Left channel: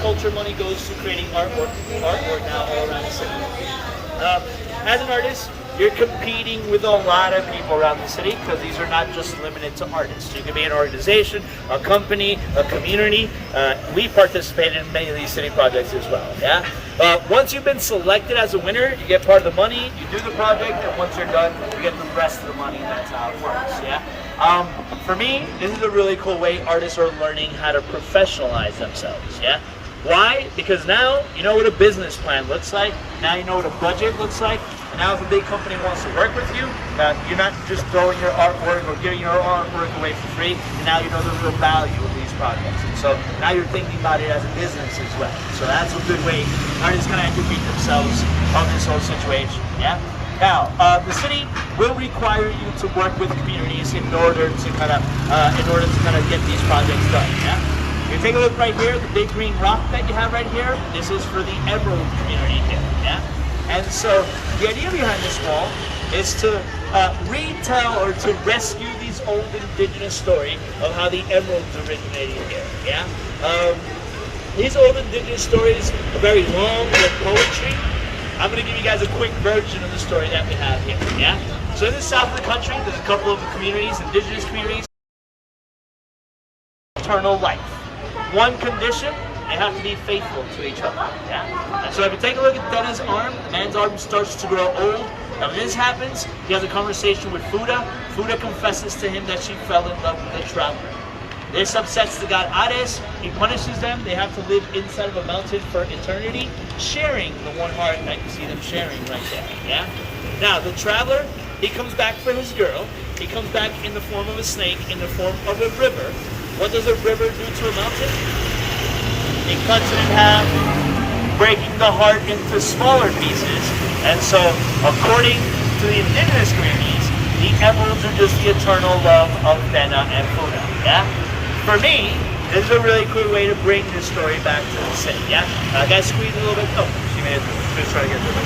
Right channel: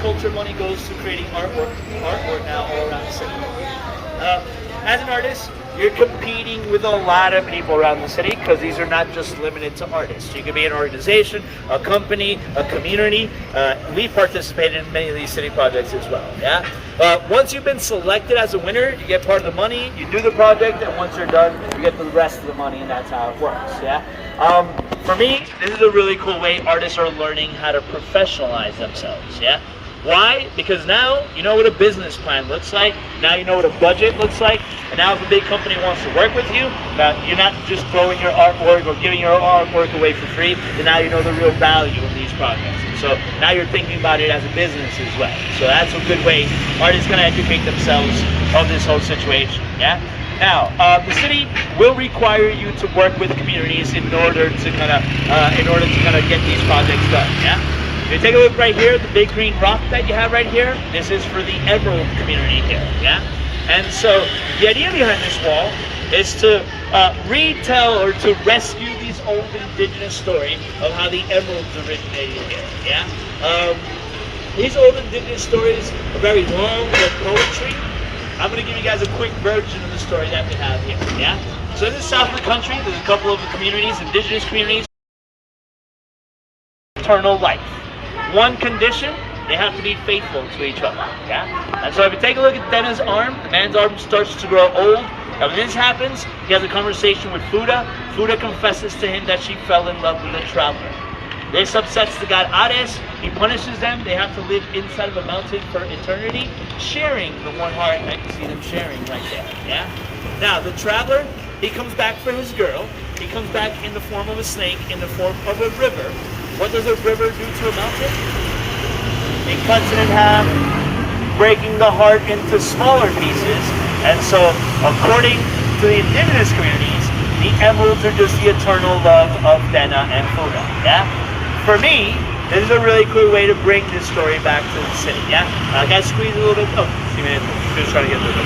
culture money goes to creating artwork now all around the city. As an artist, you're competing with a lot of people around the city because these are not just limited to artists. You could be an organization, a company, a community. We participated in many of these city projects as well. Yeah. Once you've been selected as a winner, you get part of the money. You do the project, and once you're done, you get the rest of the money, and that's how it works. Yeah. For me, this is a really cool way artists are learning how to professionalize themselves. Yeah. Why? Because now you know what a business plan looks like. Now you know what a budget looks like. And now if a big company wants to work with you, you're not just throwing your artwork or giving your artwork away for free. And now you know the real value of these projects. And so now you're thinking about it as a business as well. So that's a good way artists can educate themselves of this whole situation. Yeah. Now, the city will require you to work with communities in order to kind of get these projects done. Yeah. You take a look right here, the big green rock that you have right here, this is for the Emerald community here, yeah? And so the idea behind this wall is to retell or to rescue these old indigenous stories of how the emeralds originated here, yeah? These old indigenous stories are very long, they're poetry. I'm gonna give you guys a quick version of the story that we have here, yeah? So in the south of the country, there's a couple of the communities, indigenous communities, eternal life. One condition, they have to be faithful to each other, yeah? And so if you take a look at Dena's arm, the man's arm starts to grow old. And when this happens, he has a conversation with Fuda. Fuda confesses to him that she fell in love with a traveler. This upsets the god Ares. He punishes them. They have to live inside of a mountain for eternity, sharing the one heart. I can see them sharing right there, yeah? Now, the traveler, he comes back for his girl. He comes back in the form of a snake, in the form of a river. What does a river do to a mountain? It cuts it in half, breaking the heart into smaller pieces. And so, according to the indigenous communities, the emeralds are just the eternal love of Dena and Fuda. Yeah? For me, this is a really cool way to bring this story back to the city. Yeah? I got to squeeze a little bit. Oh, just try to get